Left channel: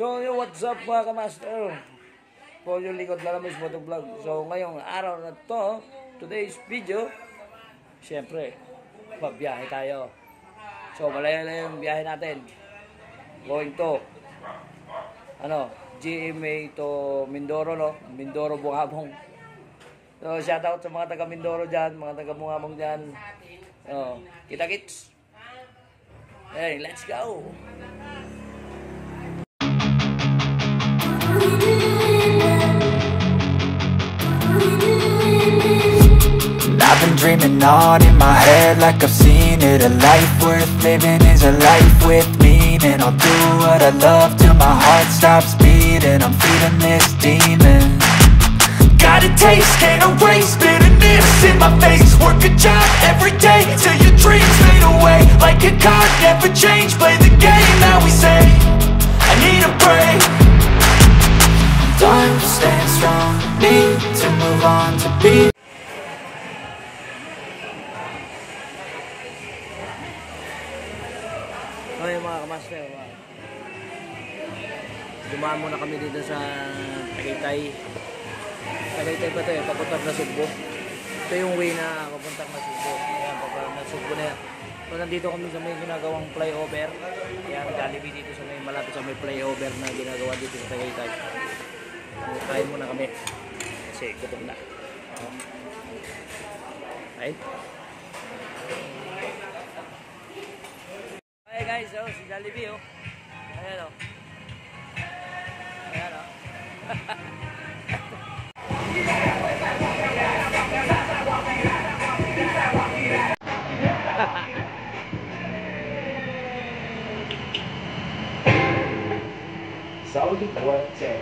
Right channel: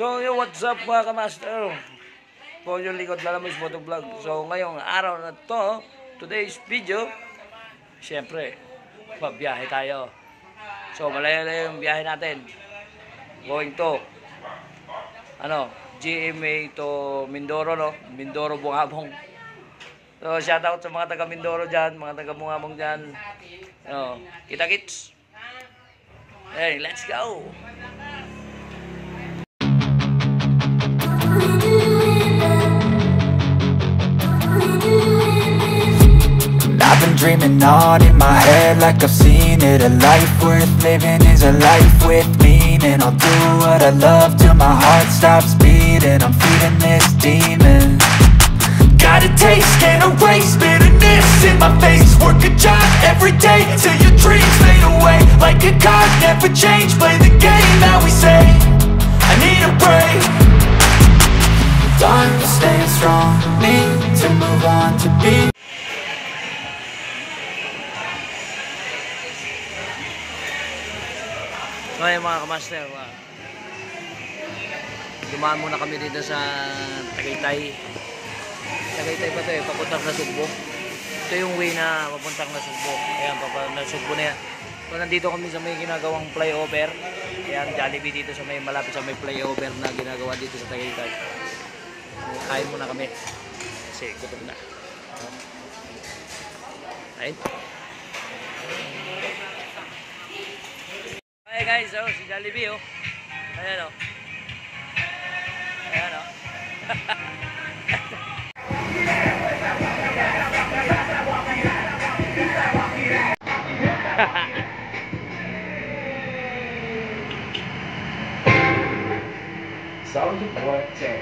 So, what's up mga kamaster? Po yung likod na naman sa vlog. So, ngayong araw na to, today's video, syempre, pabiyahe tayo. So, malayo-layo yung biyahe natin. Going to, GMA to Mindoro, no? Mindoro, Bungabong. So, shoutout sa mga taga Mindoro dyan, mga taga Bungabong dyan. Kita-kits. Hey, let's go! I've been dreaming on in my head like I've seen it. A life worth living is a life with meaning. I'll do what I love till my heart stops beating. I'm feeding this demon. Got a taste, can't erase bitterness in my face. Work a job every day till your dreams fade away. Like a card, never change, play the game that we say. I need a break. Done staying strong, need to move on to be. Okay mga kamaster, dumaan muna kami dito sa Tagaytay. Tagaytay ba ito eh, papuntang na Sugbo. Ito yung way na papuntang na Sugbo. Ayan, papuntang na Sugbo na yan. So nandito kami sa may ginagawang flyover. Ayan, Jollibee dito sa may malapit sa may flyover na ginagawa dito sa Tagaytay. So, kain muna kami. Kasi gutom na. Kain. Hey guys, si Jollibee Ayan Ayan Salud fuerte.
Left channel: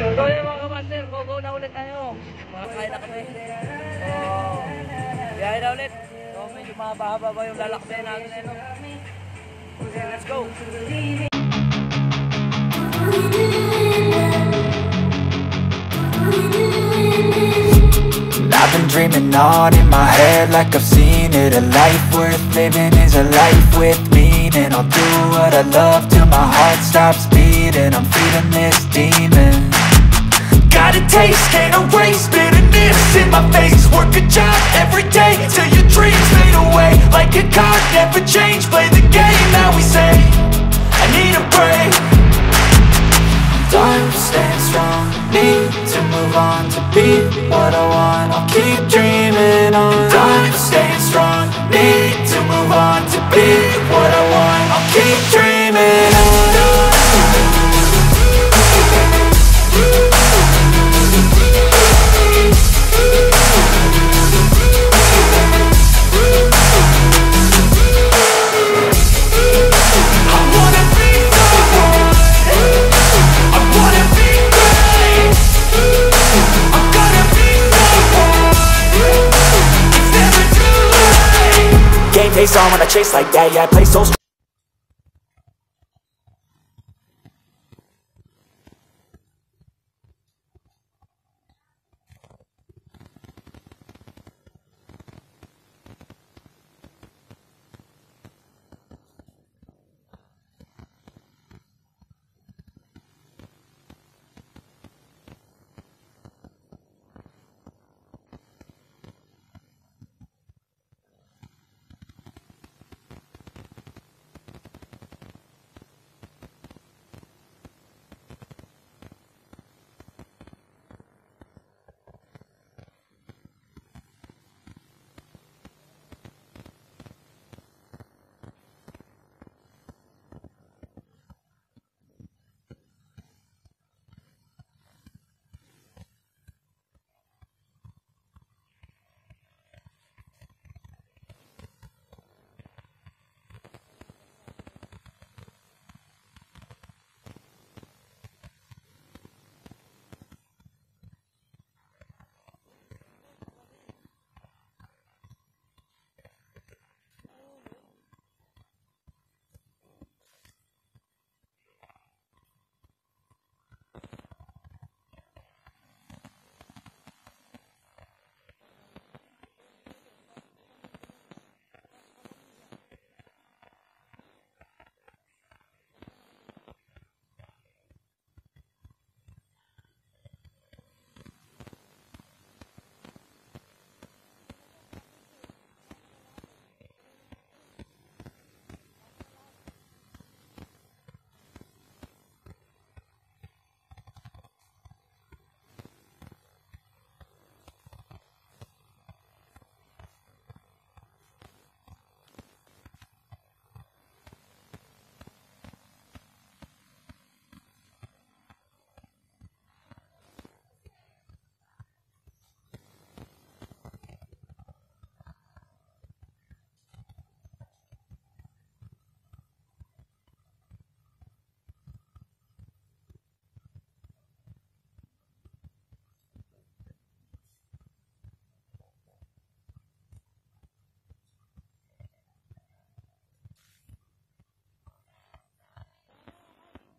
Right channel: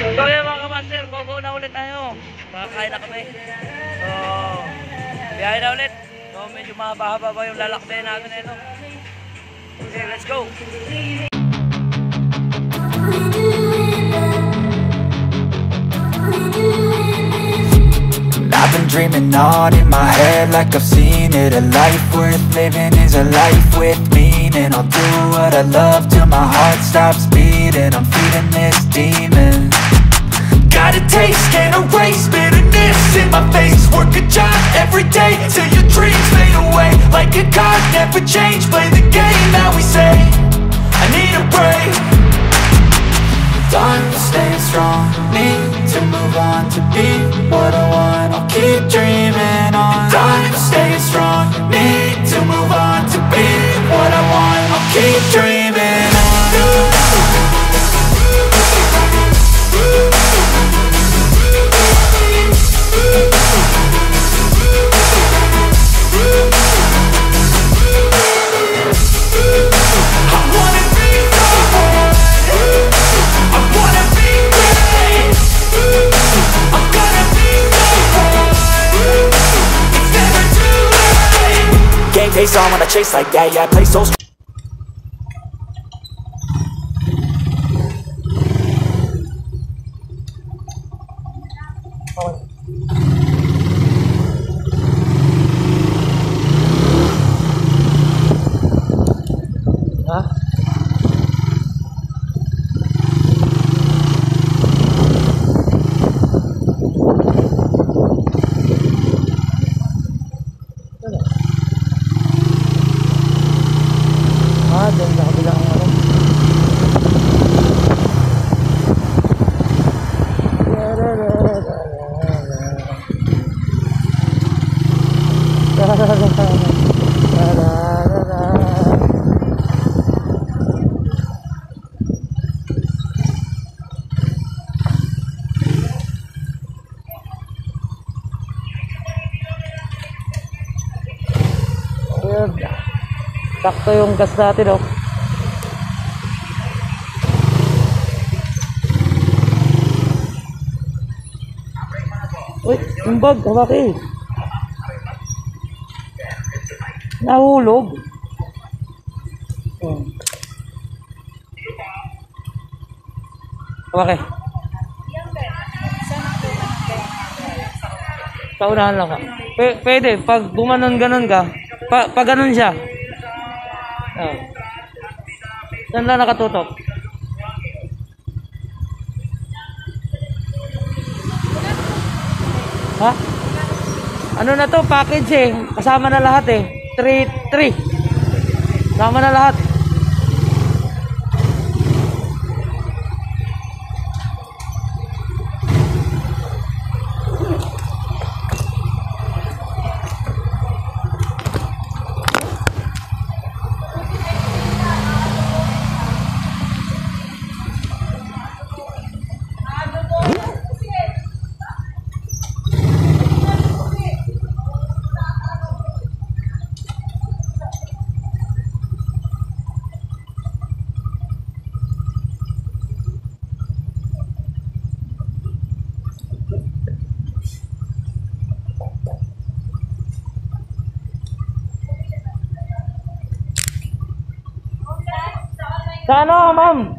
So yun mga kamaster, go na ulit tayo. Makakain na kami. So, biyahe na ulit. So medyo mahaba-haba pa yung lalakbay natin Okay, let's go! I've been dreaming on in my head like I've seen it. A life worth living is a life with meaning. I'll do what I love till my heart stops beating. I'm feeding this demon. Got a taste, can't erase bitterness in my face. Work a job every day till your dreams fade away. Like a card, never change, play the game that we say. I need a break. Done staying strong, need to move on to be what I want. I'll keep dreaming on. Done staying strong, need to move on to be what I want. I'll keep dreaming on. Game face on when I chase like that, yeah, I play so strong. Doon sa kabilang sakto yung gas natin Uy, yung bag, bakit? Nahulog. Okay. Paunahan lang ka. Pwede, pag gumanon-ganon ka, pag ganon siya. Oh. Saan lang nakatutok? Ha? Ano na to? Package eh. Kasama na lahat eh. 3. Kasama na lahat. Sa ano, ma'am?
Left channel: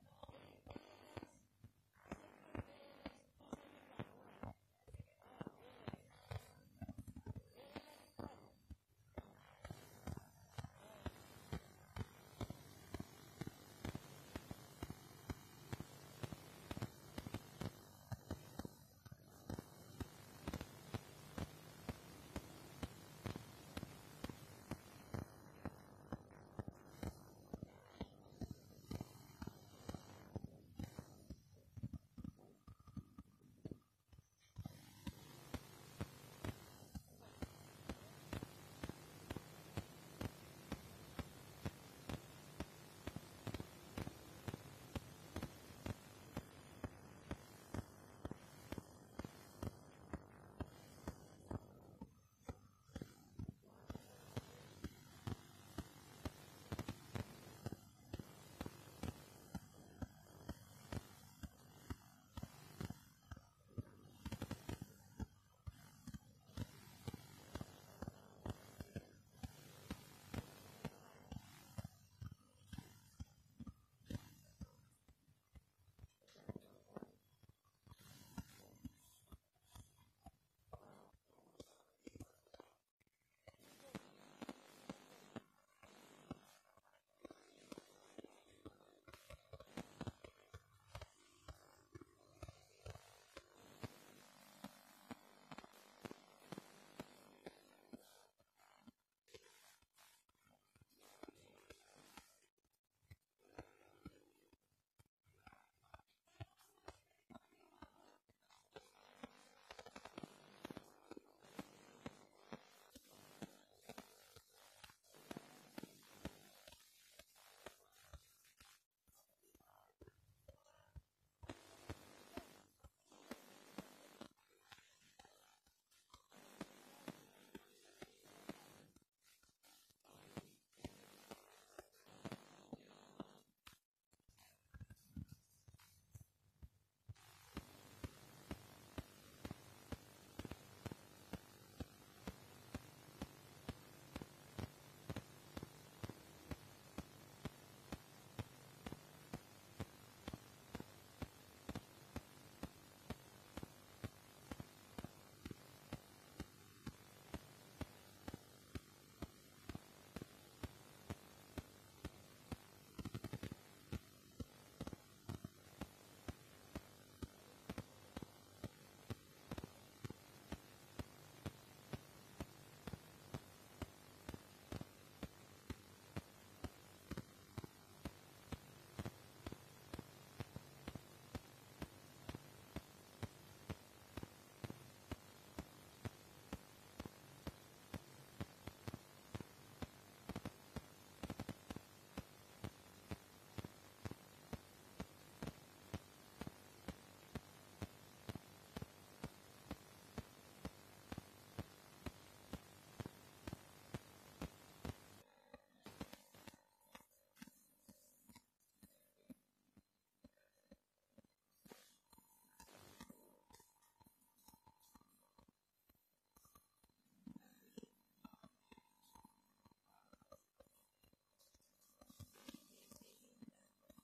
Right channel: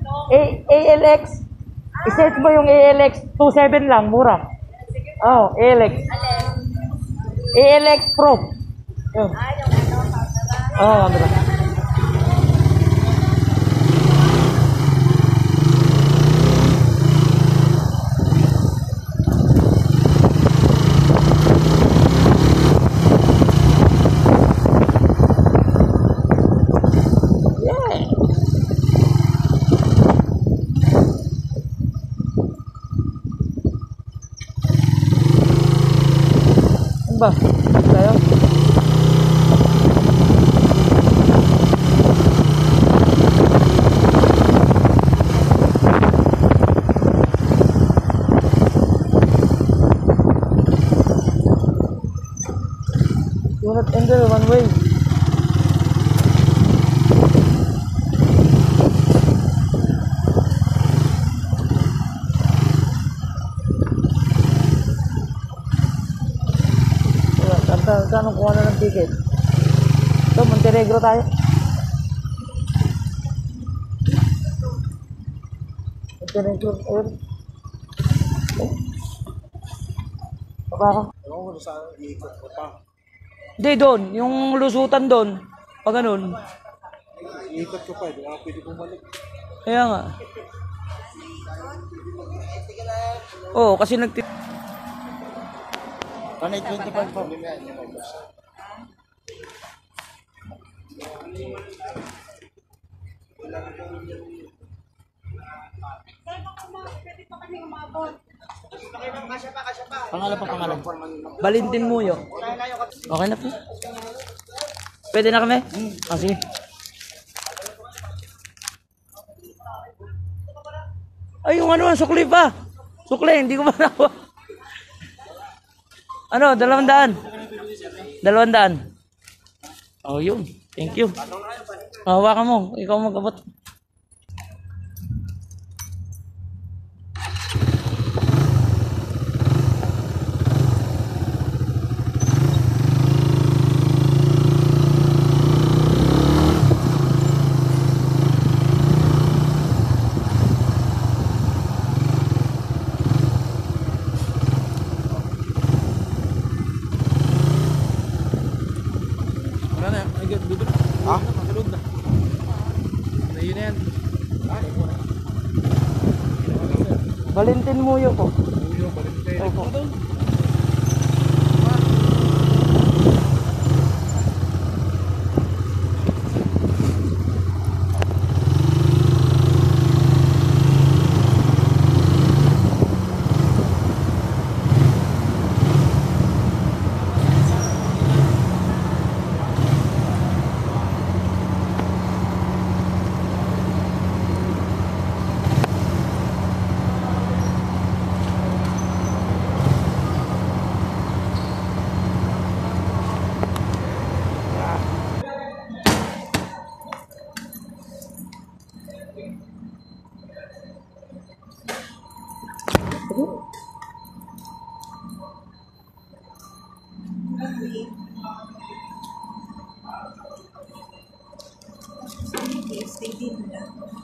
ALX. I-search mo yung ALX 27 lang, mura. Oh, ALX. ALX Pro. Yun. Oh, ano ba? Ba? Tayo? Do not enter one way. Saan kuha na ng ticket? Ito, Montenegro tayo. Montenegro, ayun. Baba ka. Hindi, doon. Yung lusutan doon. Pag ganun. Ikot ko pa, di ba pwede bumalik? Kaya nga. Oo, kasi Panay 25 pa. Pangalan. Valentin Muyo. Okay na po. Pwede na kami? Sige. Ay, yung ano, sukli pa. Sukli, hindi ko pa nakuha. Ano, 200. 200. Oh, yun. Thank you. Hawakan mo. Ikaw mag-abot. Ha? Valentin Muyo po. Opo.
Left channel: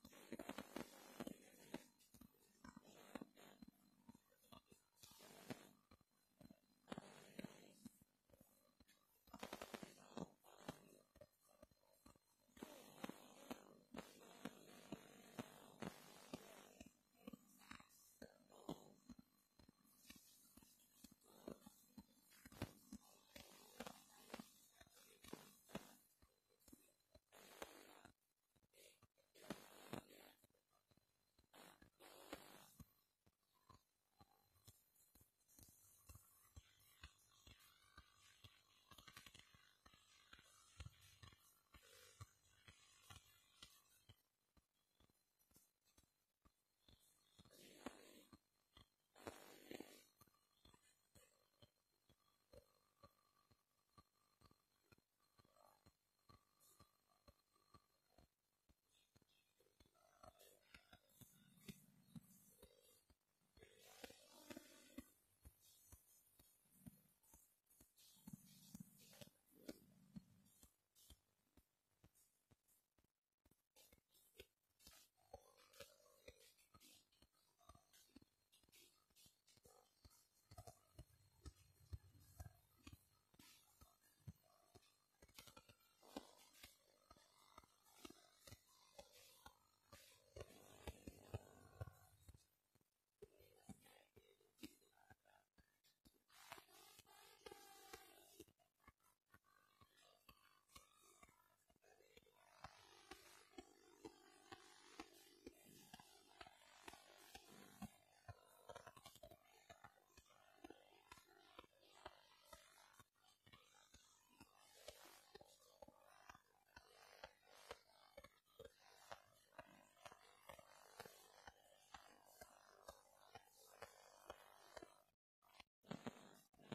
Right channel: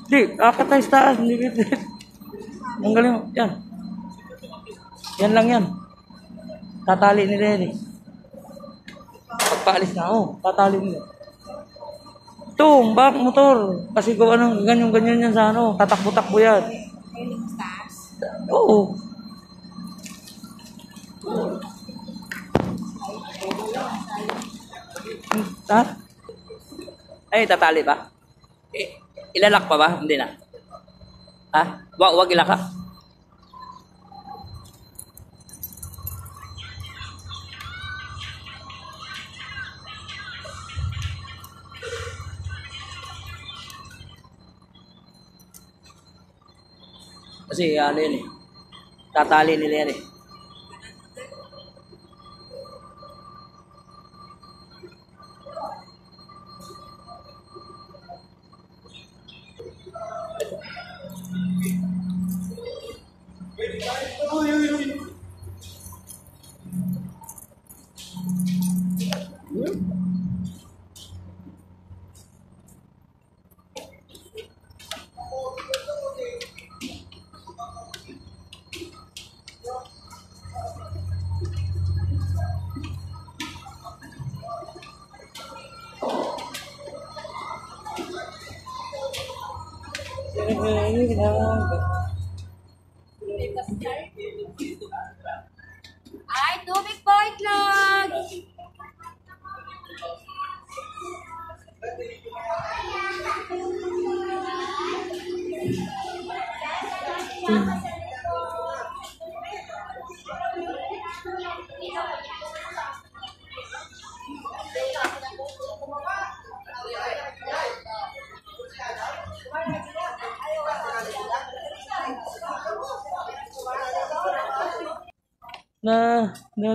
Di, akat tayo sa taas. Hindi. Ang galing. Yan. Yan lang yan. Tatali nila yan eh. Pagpaalis na ako, tatali nila. Ito, back motor. Kasi kung anong ganyan yan sa ano, tatakbo-takbo yan. Oo. Ha? Ay, tatali ba? Ilalak pa ba? Hindi na. Ha? Wag ilaka. Kasi ano yun eh. Tatali nila yan eh. Ay, tubig po, itlog!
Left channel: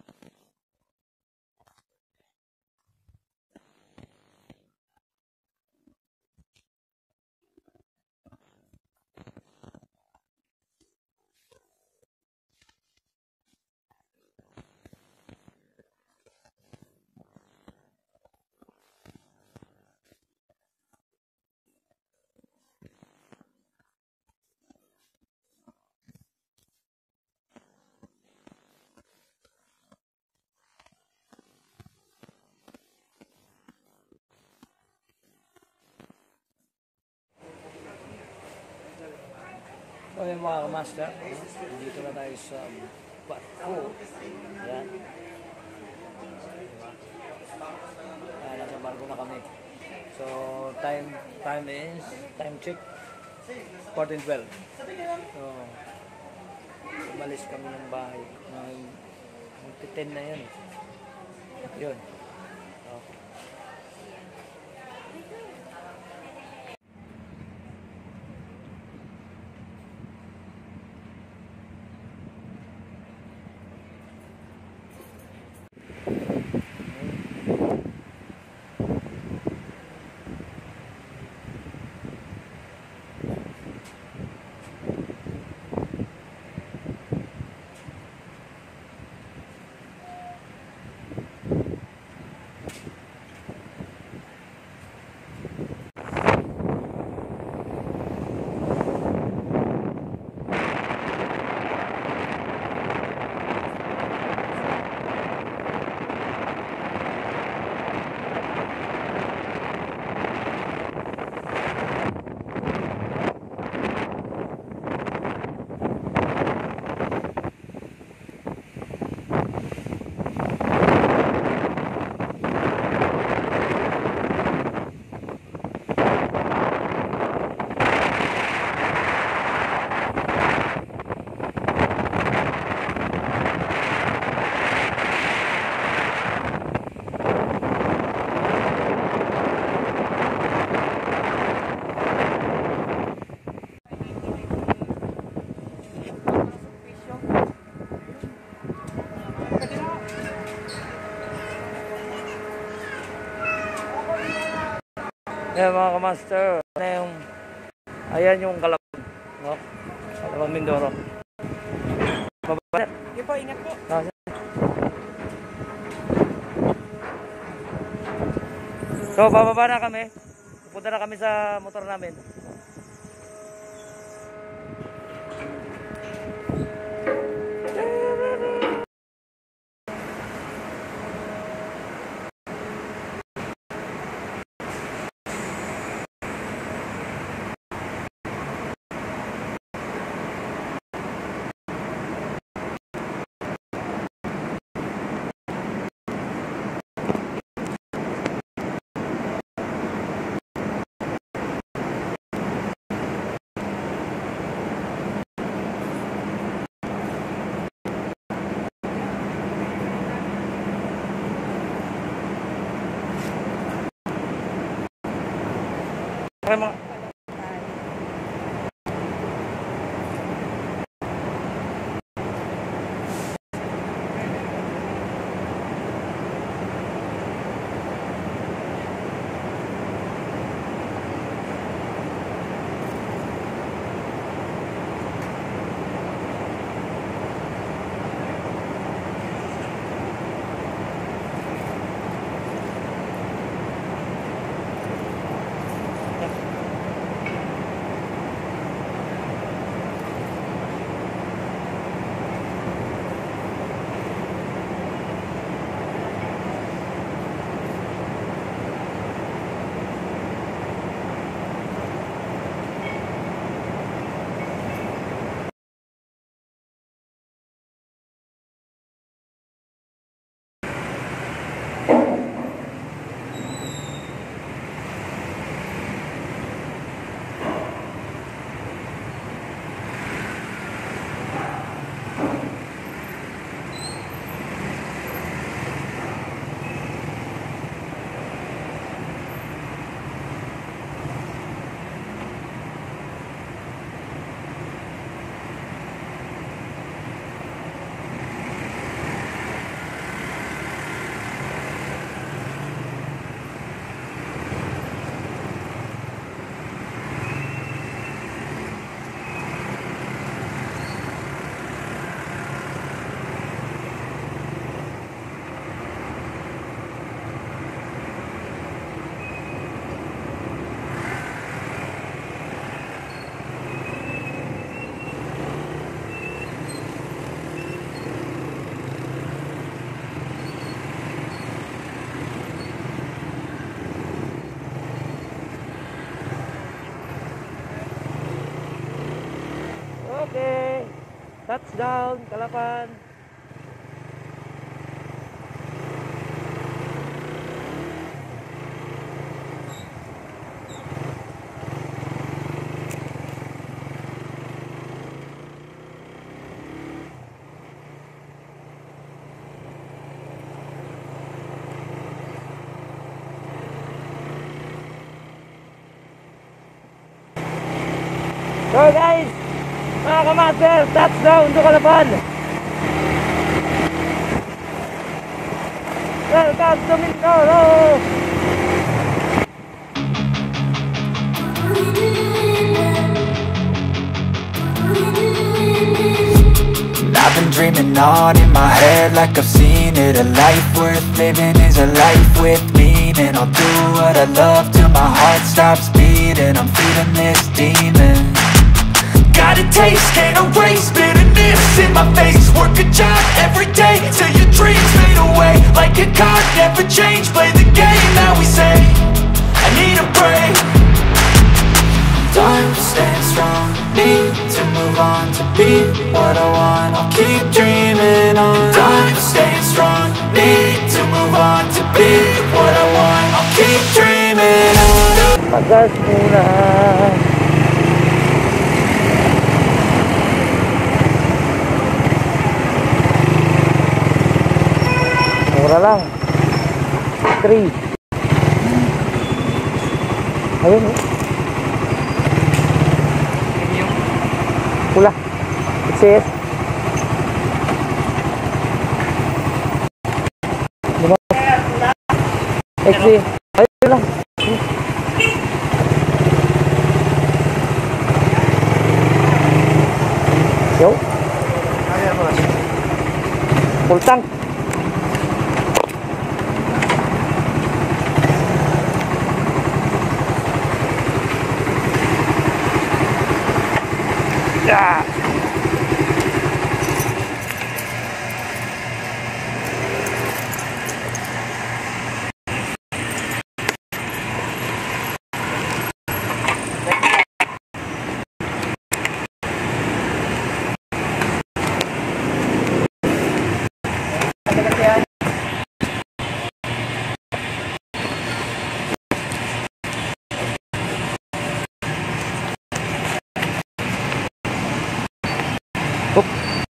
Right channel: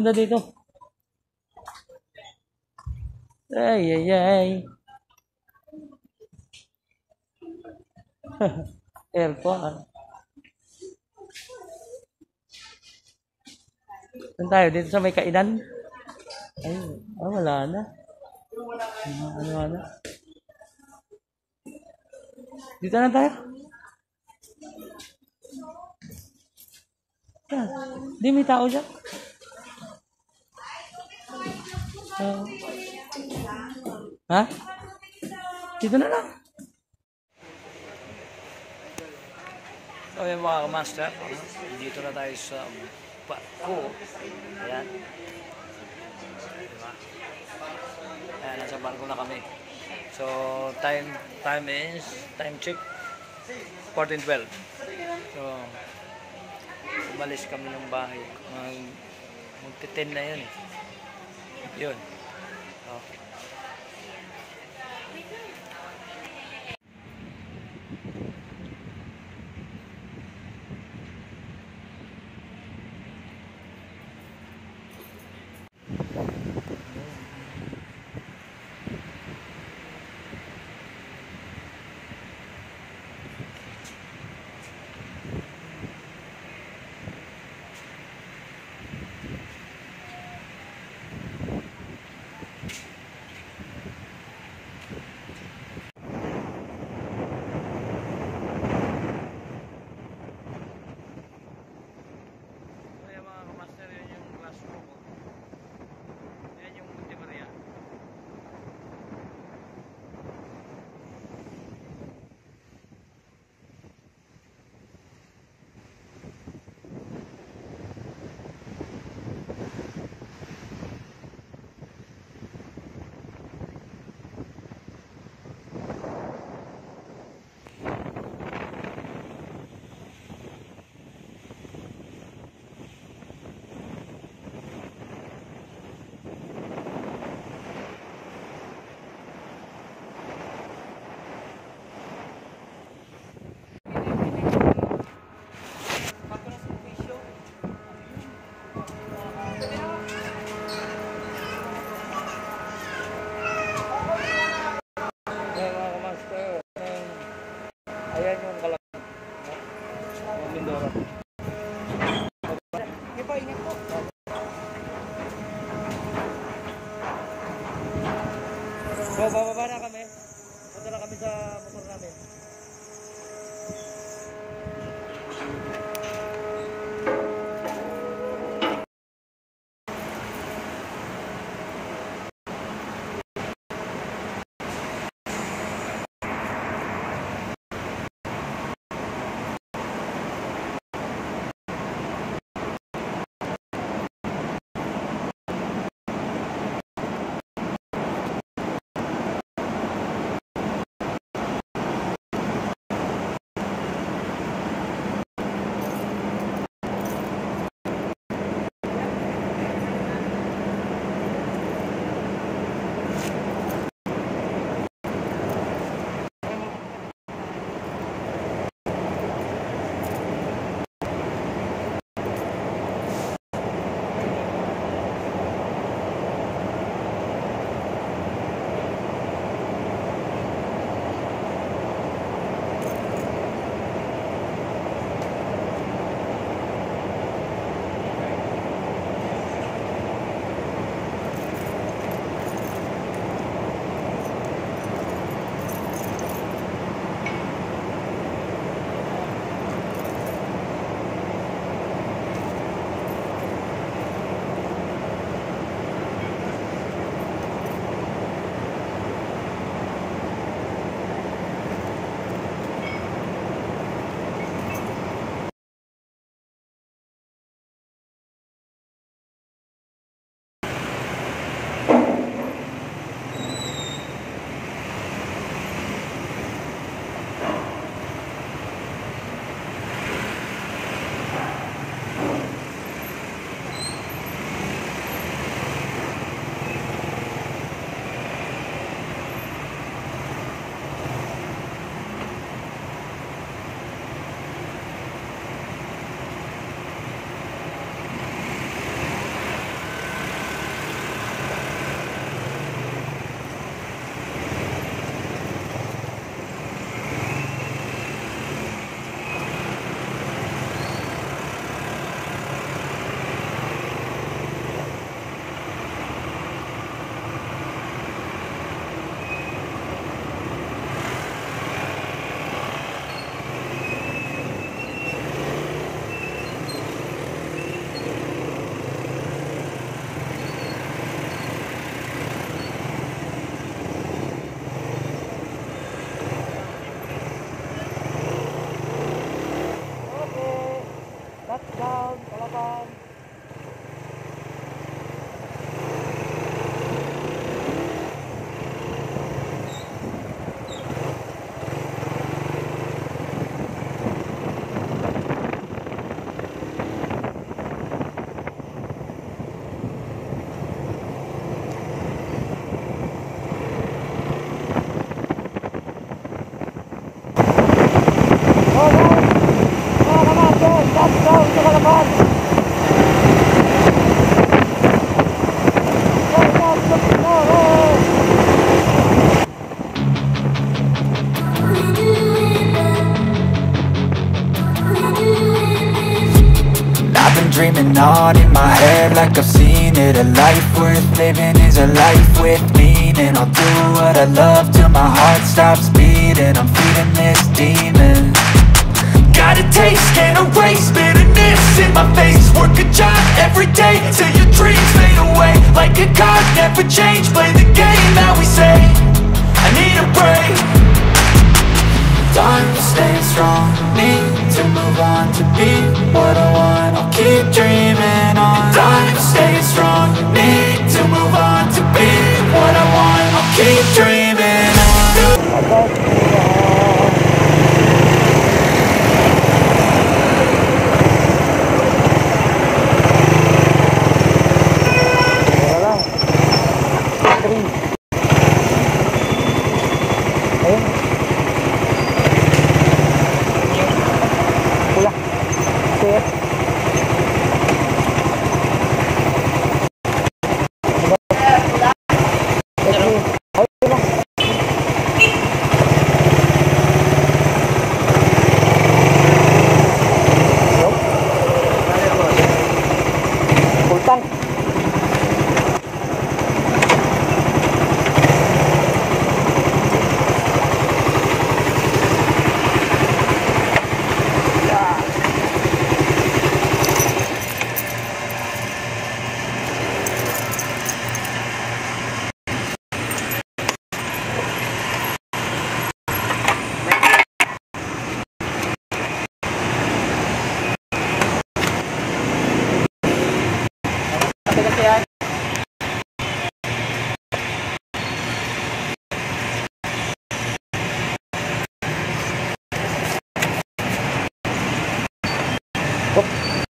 Na dito. Ay. Aircon. Saan tayo? Dito sa may kainan? Ay, wala na. Ano na? Dito na tayo. Di may tao dyan. Ha? Dito na lang. So yung mga master, dito na tayo sa barko. Ayan. Diba? Ayan, nasa barko na kami. So time check 14:12. So umalis kami ng bahay. Magti-10 na yun eh. Yun. Oh. Ayan mga kamaster, ayan yung Calabon, no? Calabon Mindoro. Bababa. Hindi po, ingat po. So bababa na kami. Punta na kami sa motor namin. kalaban. Welcome to Mindoro. I've been dreaming on in my head like I've seen it. A life worth living is a life with meaning. I'll do what I love till my heart stops beating. I'm feeding this demon. Got a taste, can't erase bitterness in my face. Work a job every day till your dreams fade away. Like a card, never change, play the game that we say. I need a break. Time staying strong, need to move on to be what I want. I'll keep dreaming on. Time staying strong, need to move on to be what I want. I'll keep dreaming on. Mura lang. 3. Ayun. Pula. Set. XD. Ayun lang. Yo. Full tank.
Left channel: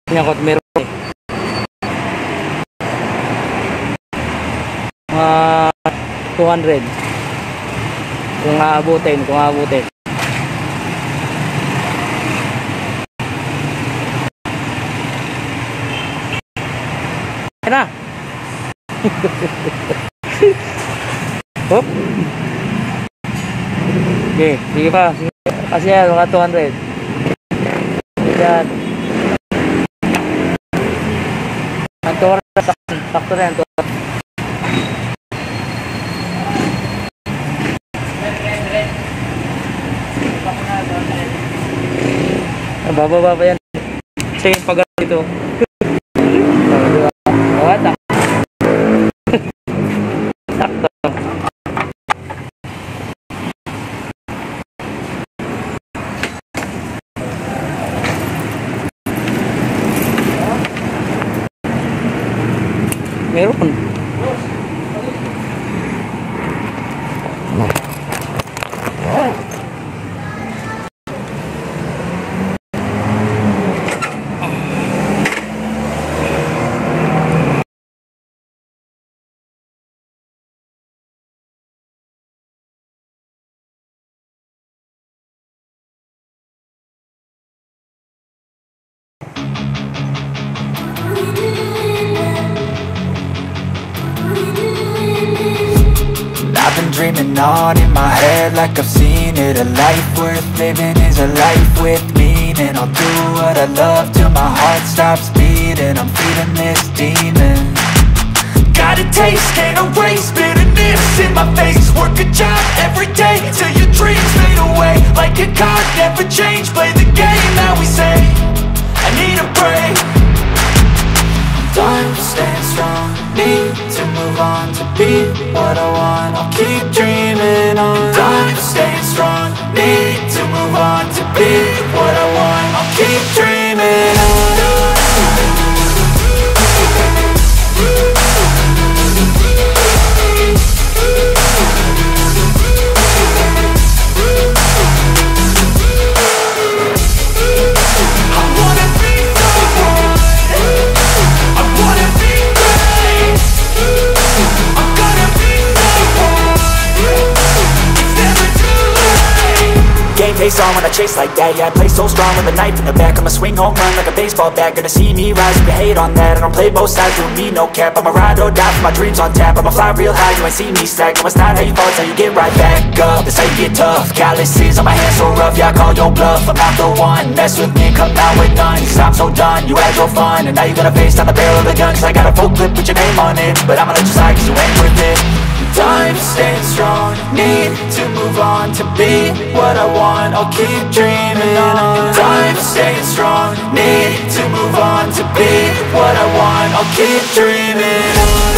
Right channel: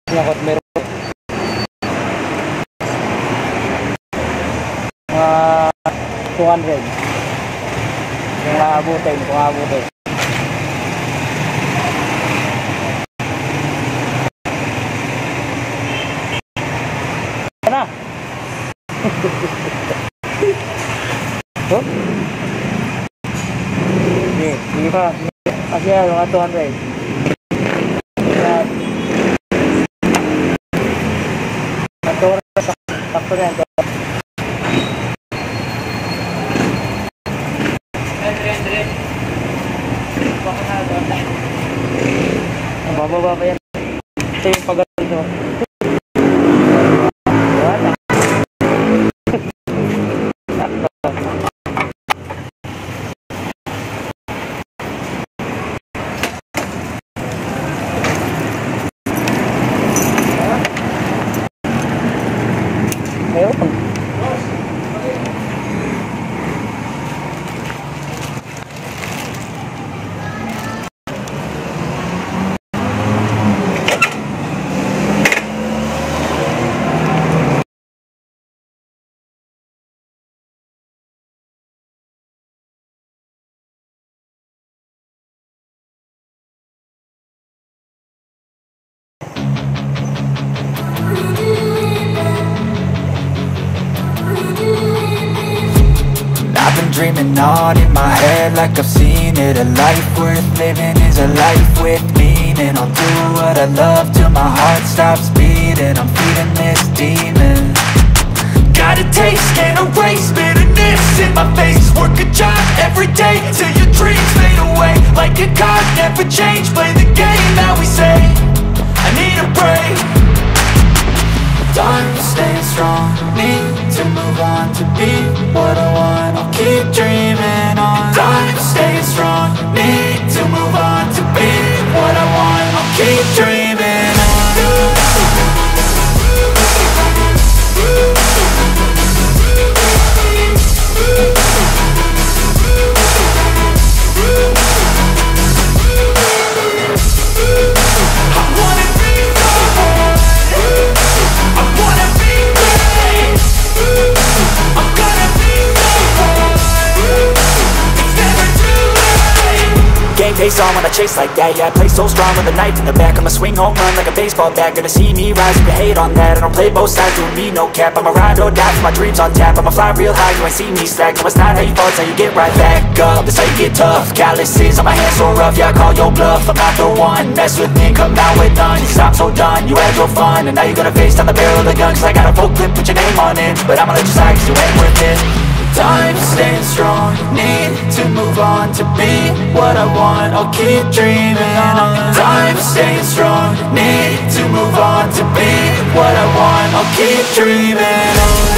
Nyangkut meron. 200. Kung aabutin. Yan na. Hop. Okay, sige pa. Kasi yan, mga 200. Yan. Sakto na yan. Bababa pa yan. Ito yung pag ito. Sakto. Meron. I've been dreaming on in my head like I've seen it. A life worth living is a life with meaning. I'll do what I love till my heart stops beating. I'm feeding this demon. Got a taste, can't erase bitterness in my face. Work a job every day till your dreams fade away. Like a card, never change, play the game that we say. I need a break. Time staying strong, need to move on to be what I want. I'll keep dreaming on. Time staying strong, need to move on to be what I want. I'll keep dreaming on. face on when I chase like that. Yeah, I play so strong with a knife in the back. I'ma swing home run like a baseball bat. Gonna see me rise, you can hate on that. I don't play both sides, doing me no cap. I'ma ride or die for my dreams on tap. I'ma fly real high, you ain't see me slack. No, it's not how you fall, it's how you get right back up. That's how you get tough. Calluses on my hands so rough, yeah, I call your bluff. I'm not the one, mess with me and come out with none. Cause I'm so done, you had your fun. And now you're gonna face down the barrel of the gun. Cause I got a full clip, put your name on it. But I'ma let you slide cause you ain't worth it. I'm staying strong, need to move on to be what I want, I'll keep dreaming on. I'm staying strong, need to move on to be what I want, I'll keep dreaming on.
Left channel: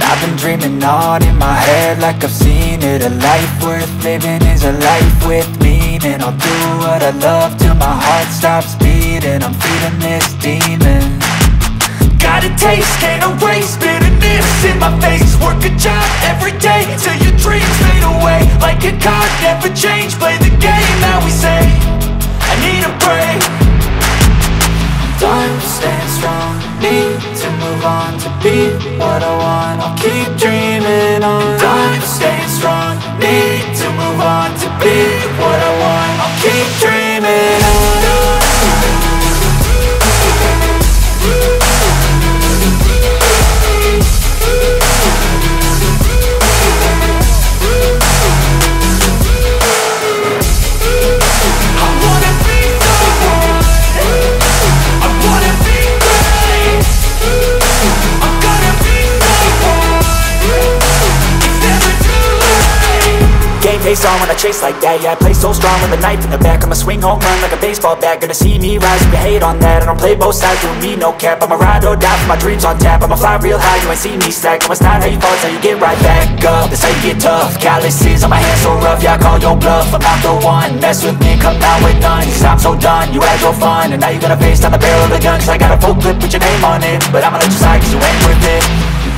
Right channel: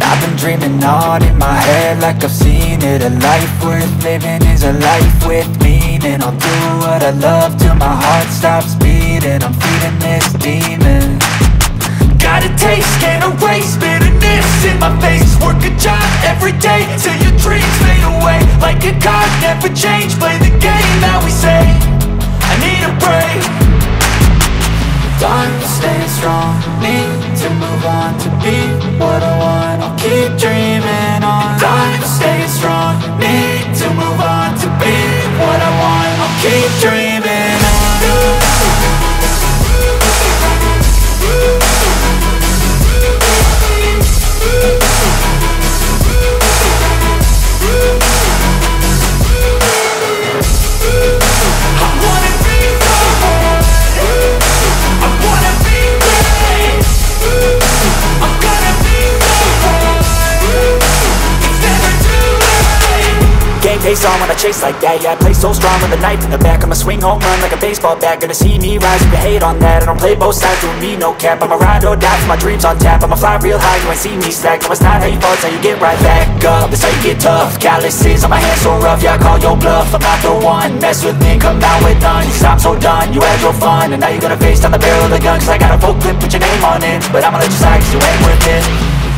I've been dreaming on in my head like I've seen it. A life worth living is a life with meaning. I'll do what I love till my heart stops beating. I'm feeding this demon. Got a taste, can't erase bitterness in my face. Work a job every day till your dreams fade away. Like a card, never change, play the game that we say. I need a break. I'm staying strong, need to move on to be what I want, I'll keep dreaming on. I'm staying strong, need to move on to be what I want, I'll keep dreaming on. Face on when I chase like that. Yeah, I play so strong with a knife in the back. I'ma swing home run like a baseball bat. Gonna see me rise, you can hate on that. I don't play both sides, doing me no cap. I'ma ride or die for my dreams on tap. I'ma fly real high, you ain't see me slack. No, it's not how you fall, it's how you get right back up. That's how you get tough. Calluses on my hands so rough, yeah, I call your bluff. I'm not the one, mess with me and come out with none. Cause I'm so done, you had your fun. And now you're gonna face down the barrel of the gun. Cause I got a full clip, put your name on it. But I'ma let you slide cause you ain't worth it.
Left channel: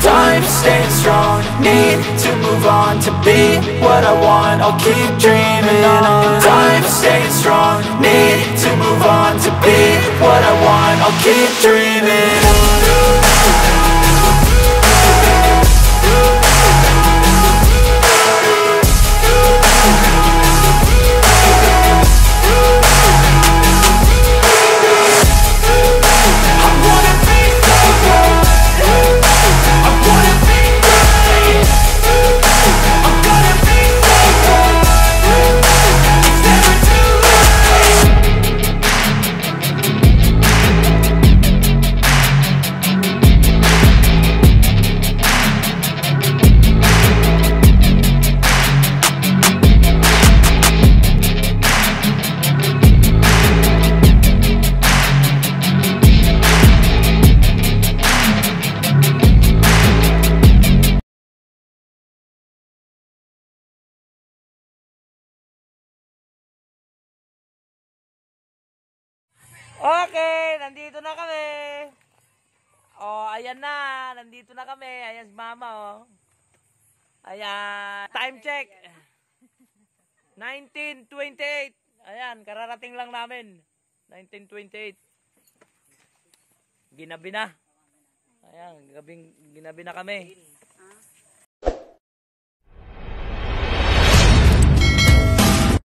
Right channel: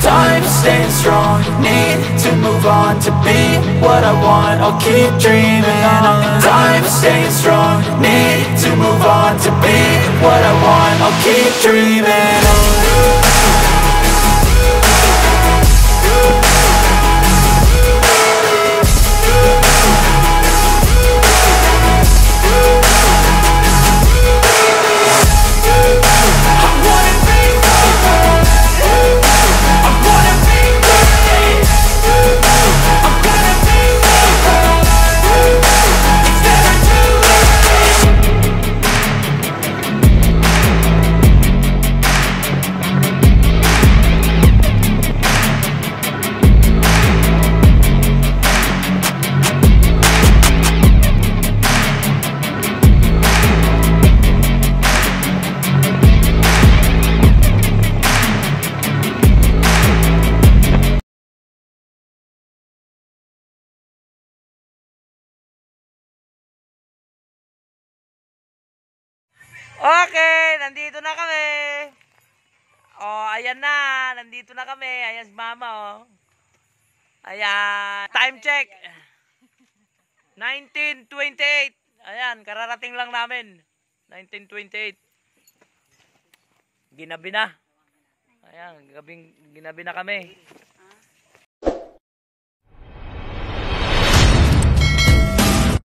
I'm staying strong, need to move on to be what I want, I'll keep dreaming on. I'm staying strong, need to move on to be what I want, I'll keep dreaming on. Okay, nandito na kami. Oh, ayan na. Nandito na kami. Ayan si Mama, oh. Ayan. Time check. 19:28. Ayan, kararating lang namin. 19:28. Ginabi na. Ayan, ginabi na kami.